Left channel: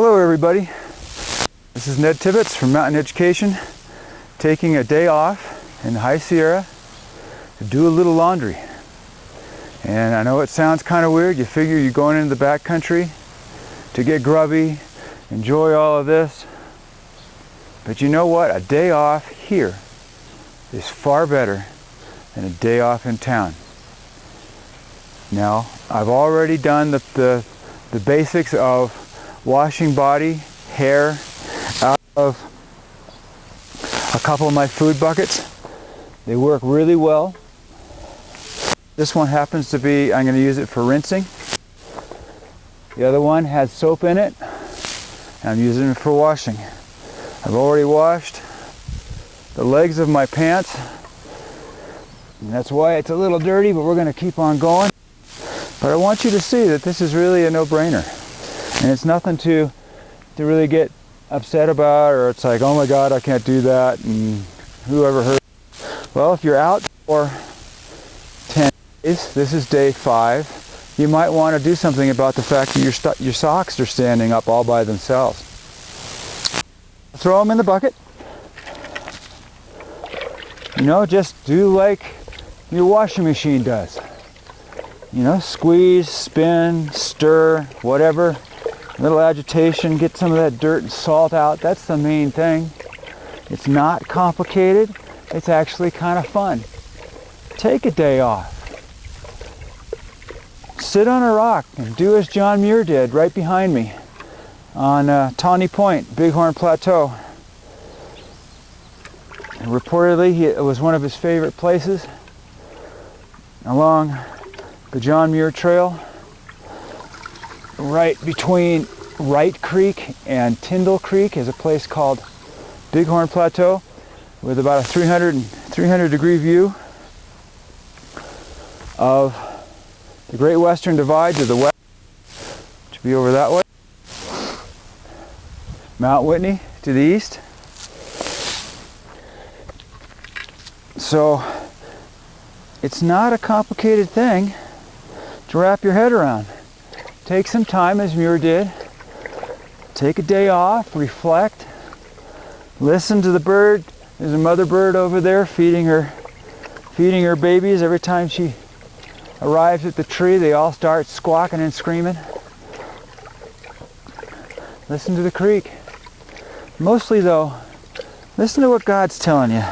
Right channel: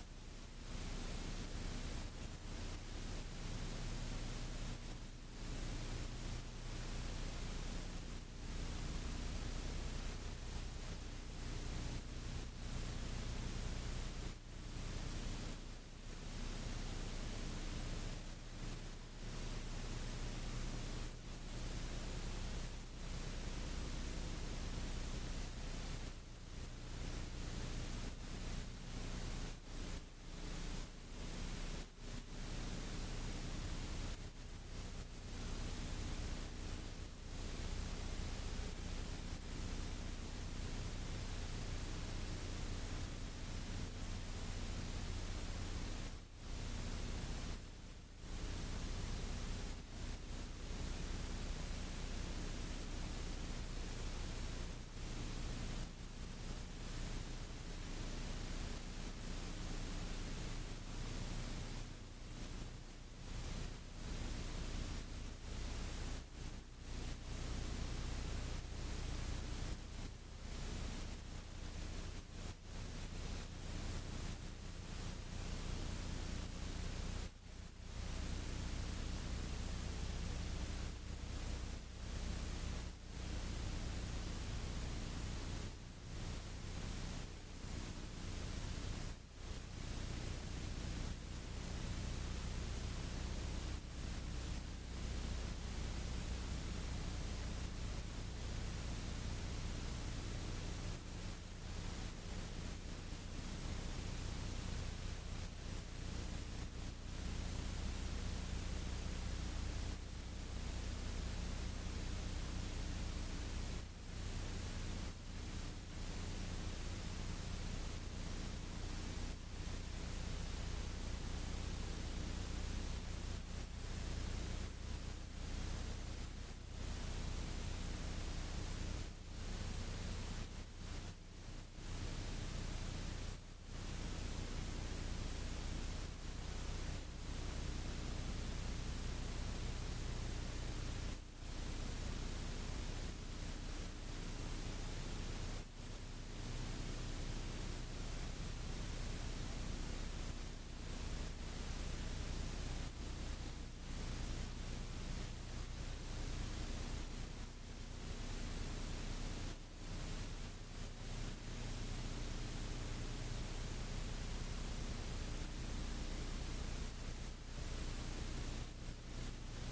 Hello everybody, this is Ned Tibbits from Mountain Education, taking a day off in the High Sierra to do a little laundry. And I know it sounds kind of weird. You figure you're going into the backcountry to get grubby, enjoy all of this. But you know what? A day off here is far better than a day off in town. Now, I've already done the basics of washing body, hair out of a couple of my food buckets. They work really well. This one happens to be, I'm going to use it for rinsing. The other one has soap in it. I'm using it for washing. I've already washed the legs of my pants. And that's why it's a little dirty, but we're going to keep on going. But I want you to see that this is really a no-brainer. And it's nothing to really get upset about, or it's like, oh my God, I can't do that, and whoever heard. Well, if you're out for 10 days, this is day 5, you might want to do something about the fact that your socks are standing up all by themselves. Throw them in the bucket. You know, just do like your washing machine does. You know, squeeze, spin, stir, whatever. A little agitation, get some of that dirt and salt out. That's the main thing. It's not complicated. It's actually kind of fun. Take a day off. Sit on a rock and do as John Muir did right behind me on Tawny Point, Bighorn Plateau. And reportedly, it was one of his favorite places along the John Muir Trail. Right between Wright Creek and Tyndall Creek is a place called Bighorn Plateau with about a 300 degree view of the Great Western Divide to the west, which would be over that way. Mount Whitney to the east. So it's not a complicated thing to wrap your head around. Take some time, as Muir did. Take a day off, reflect, listen to the bird. There's a mother bird over there feeding her babies. Every time she arrives at the tree, they all start squawking and screaming. Listen to the creek. Mostly though, listen to what God's telling you,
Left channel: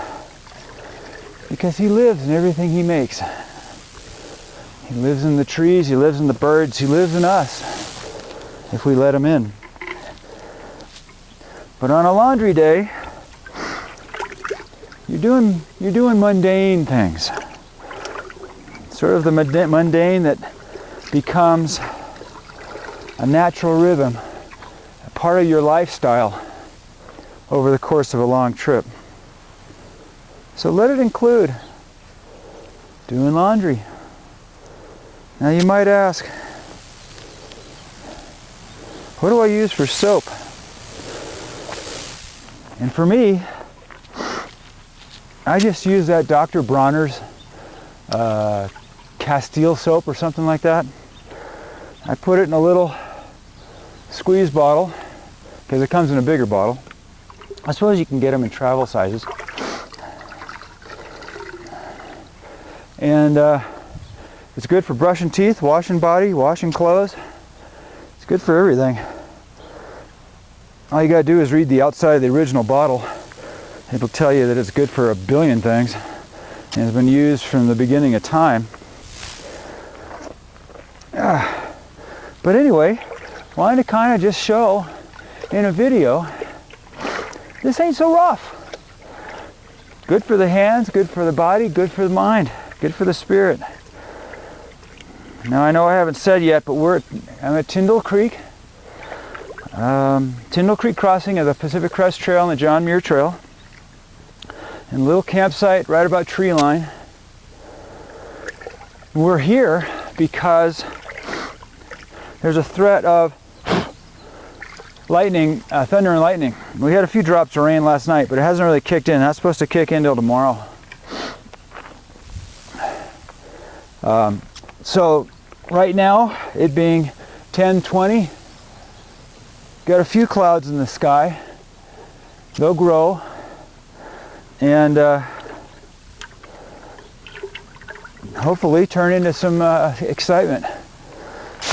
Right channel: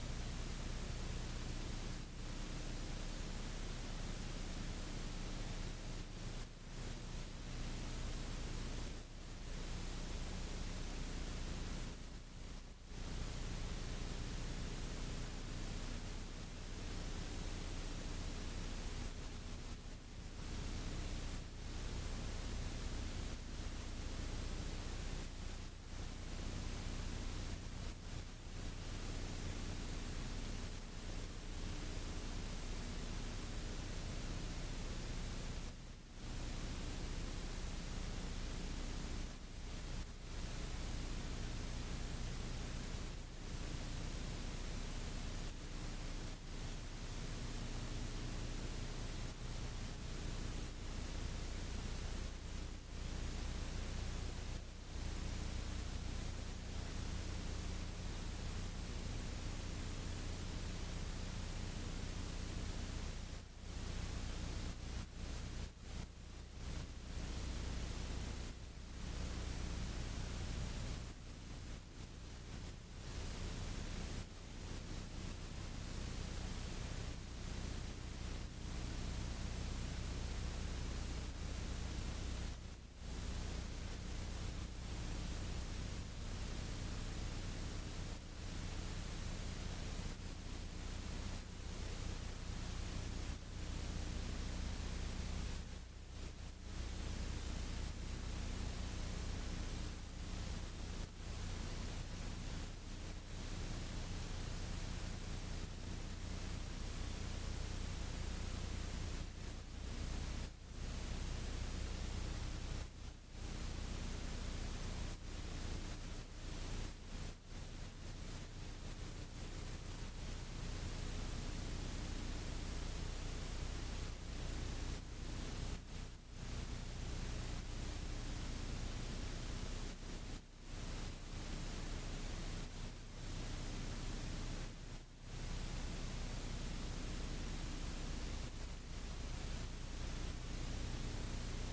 because He lives in everything He makes. He lives in the trees, He lives in the birds, He lives in us, if we let Him in. But on a laundry day, you're doing mundane things. Sort of the mundane that becomes a natural rhythm, a part of your lifestyle over the course of a long trip. So let it include doing laundry. Now you might ask, what do I use for soap? And for me, I just use that Dr. Bronner's Castile soap or something like that. I put it in a little squeeze bottle, because it comes in a bigger bottle. I suppose you can get them in travel sizes. And it's good for brushing teeth, washing body, washing clothes. It's good for everything. All you gotta do is read the outside of the original bottle. It'll tell you that it's good for a billion things and has been used from the beginning of time. But anyway, wanted to kind of just show in a video, this ain't so rough. Good for the hands, good for the body, good for the mind, good for the spirit. Now I know I haven't said yet, but I'm at Tyndall Creek. Tyndall Creek crossing of the Pacific Crest Trail and the John Muir Trail. And a little campsite right about tree line. We're here because there's a threat of lightning, thunder and lightning. We had a few drops of rain last night, but it hasn't really kicked in. That's supposed to kick in till tomorrow. So right now, it being 10:20, got a few clouds in the sky. They'll grow, and hopefully turn into some excitement.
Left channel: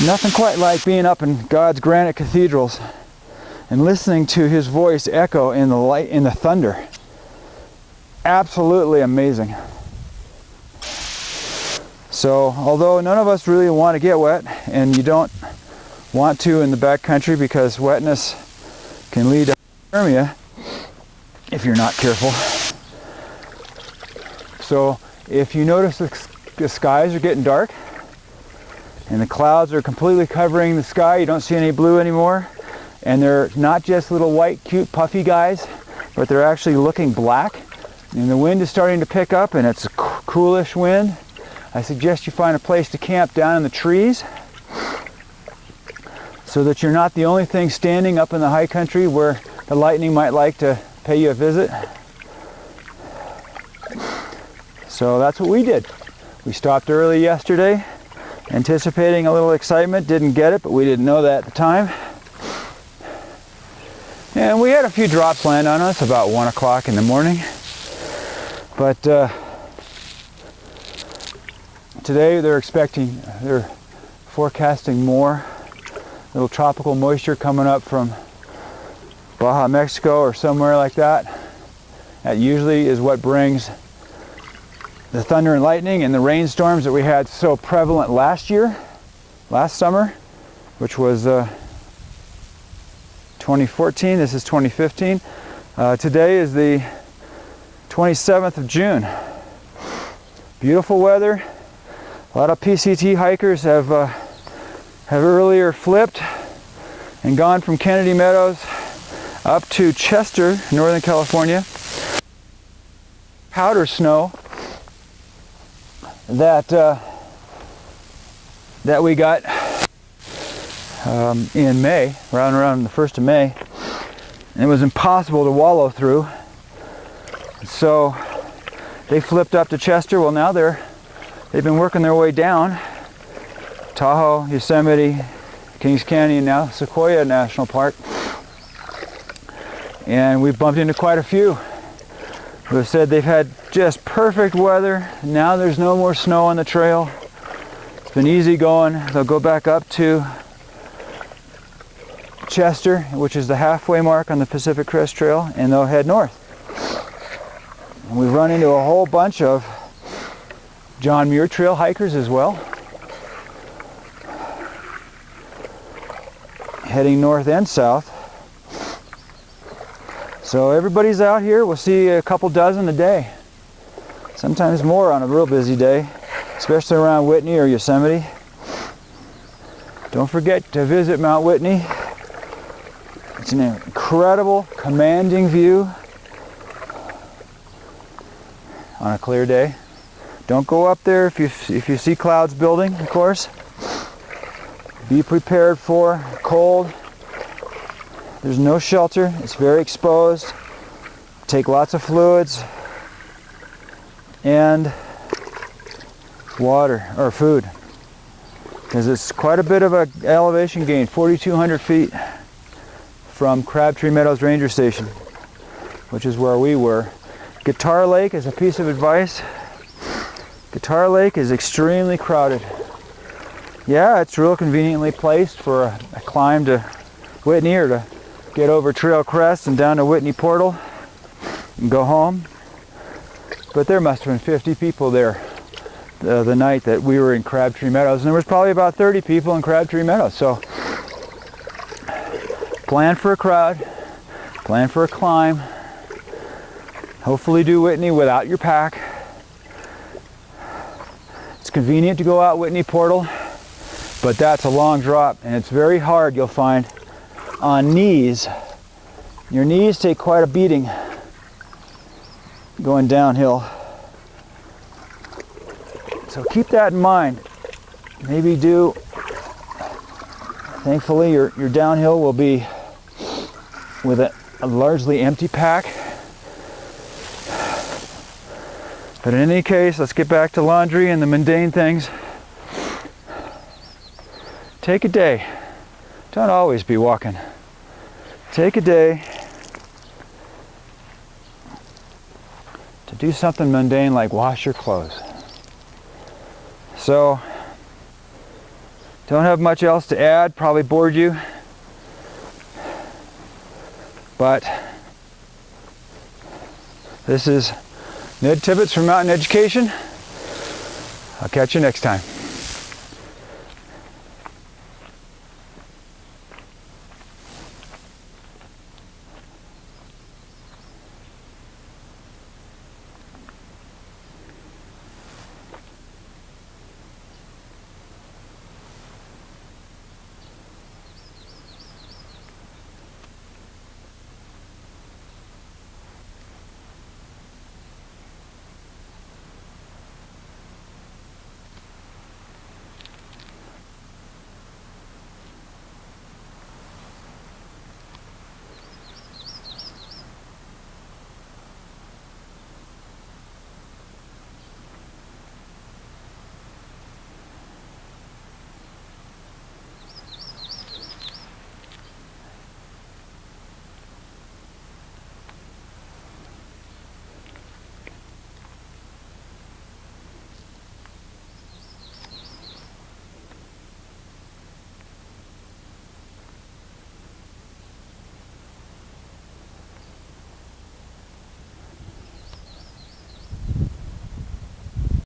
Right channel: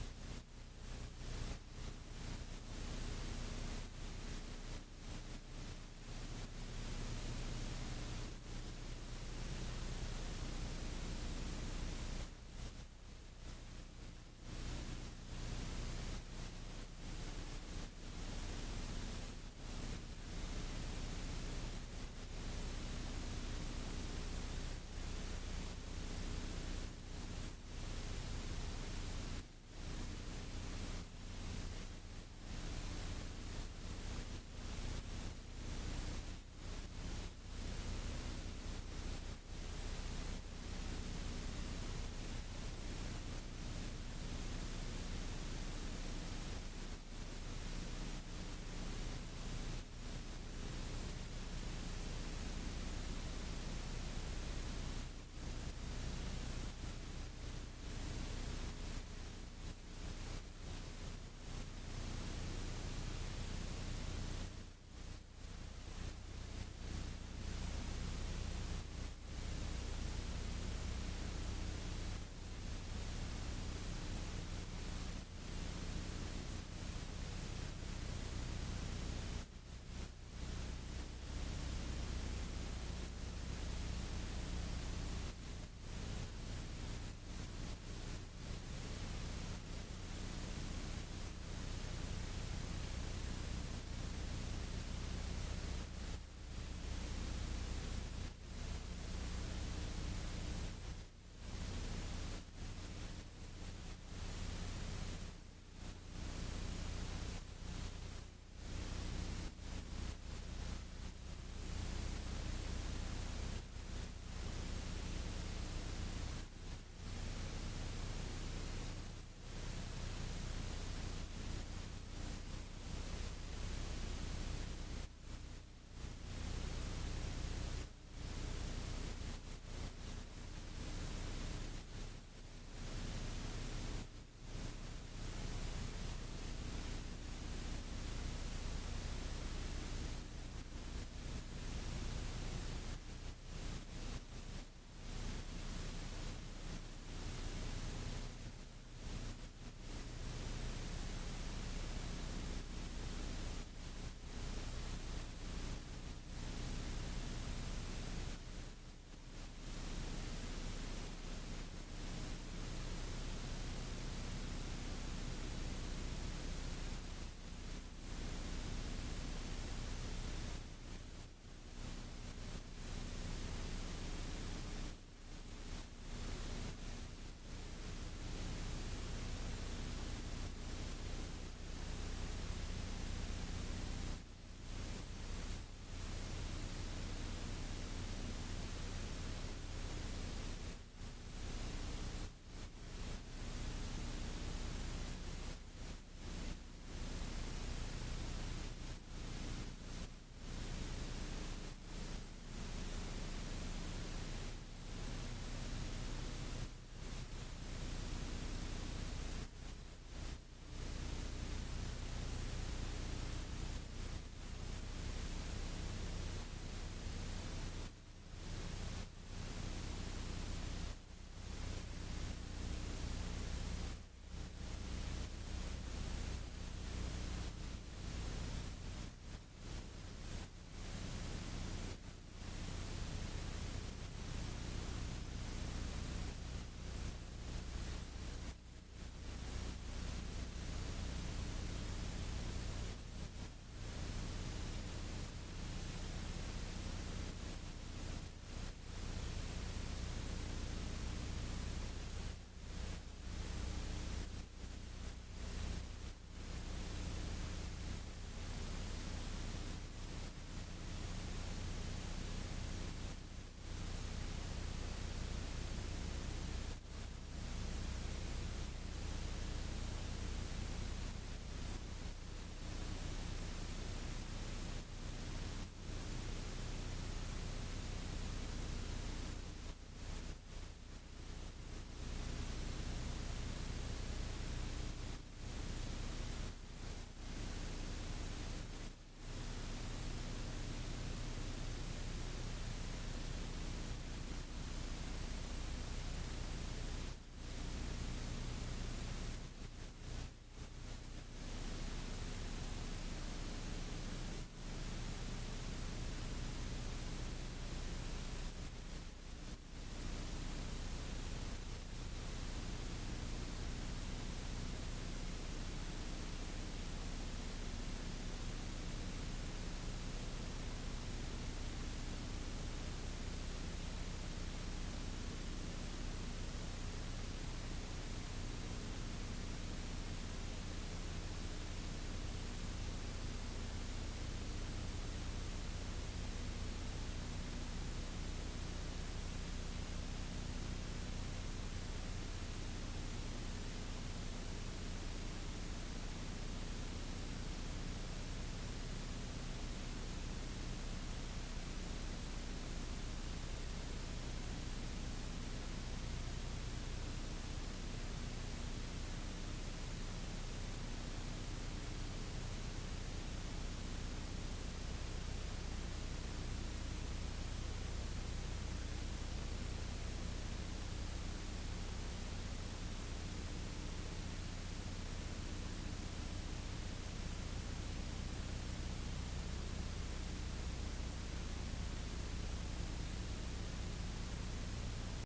Nothing quite like being up in God's granite cathedrals and listening to his voice echo in the light, in the thunder. Absolutely amazing. So, although none of us really want to get wet, and you don't want to in the backcountry because wetness can lead to hypothermia if you're not careful. So, if you notice the skies are getting dark and the clouds are completely covering the sky, you don't see any blue anymore, and they're not just little white, cute, puffy guys, but they're actually looking black, and the wind is starting to pick up, and it's a coolish wind, I suggest you find a place to camp down in the trees so that you're not the only thing standing up in the high country where the lightning might like to pay you a visit. So that's what we did. We stopped early yesterday, anticipating a little excitement. Didn't get it, but we didn't know that at the time. And we had a few drops land on us about 1 o'clock in the morning. But today they're forecasting more little tropical moisture coming up from Baja, Mexico, or somewhere like that. That usually is what brings the thunder and lightning and the rainstorms that we had so prevalent last summer, which was 2014. This is 2015. Today is the 27th of June. Beautiful weather. A lot of PCT hikers have earlier flipped and gone from Kennedy Meadows up to Chester, Northern California. Powder snow that we got in May, around the 1st of May, and it was impossible to wallow through. So they flipped up to Chester. Well, now they've been working their way down Tahoe, Yosemite, Kings Canyon, now Sequoia National Park, and we've bumped into quite a few who have said they've had just perfect weather. Now there's no more snow on the trail. It's been easy going. They'll go back up to Chester, which is the halfway mark on the Pacific Crest Trail, and they'll head north. And we've run into a whole bunch of John Muir trail hikers as well, heading north and south. So everybody's out here. We'll see a couple dozen a day, sometimes more on a real busy day, especially around Whitney or Yosemite. Don't forget to visit Mount Whitney. It's an incredible, commanding view on a clear day. Don't go up there if you see clouds building, of course. Be prepared for cold. There's no shelter. It's very exposed. Take lots of fluids and water or food, because it's quite a bit of an elevation gain, 4,200 feet from Crabtree Meadows Ranger Station, which is where we were. Guitar Lake is a piece of advice. Guitar Lake is extremely crowded. Yeah, it's real conveniently placed for a climb to Whitney, or to get over Trail Crest and down to Whitney Portal and go home. But there must have been 50 people there the night that we were in Crabtree Meadows, and there was probably about 30 people in Crabtree Meadows. So plan for a crowd, plan for a climb. Hopefully do Whitney without your pack. It's convenient to go out Whitney Portal, but that's a long drop, and it's very hard, you'll find, on knees. Your knees take quite a beating going downhill. So keep that in mind. Maybe thankfully your downhill will be with a largely empty pack. But in any case, let's get back to laundry and the mundane things. Take a day. Don't always be walking take a day to do something mundane like wash your clothes. So, don't have much else to add, probably bored you, but this is Ned Tibbits from Mountain Education. I'll catch you next time.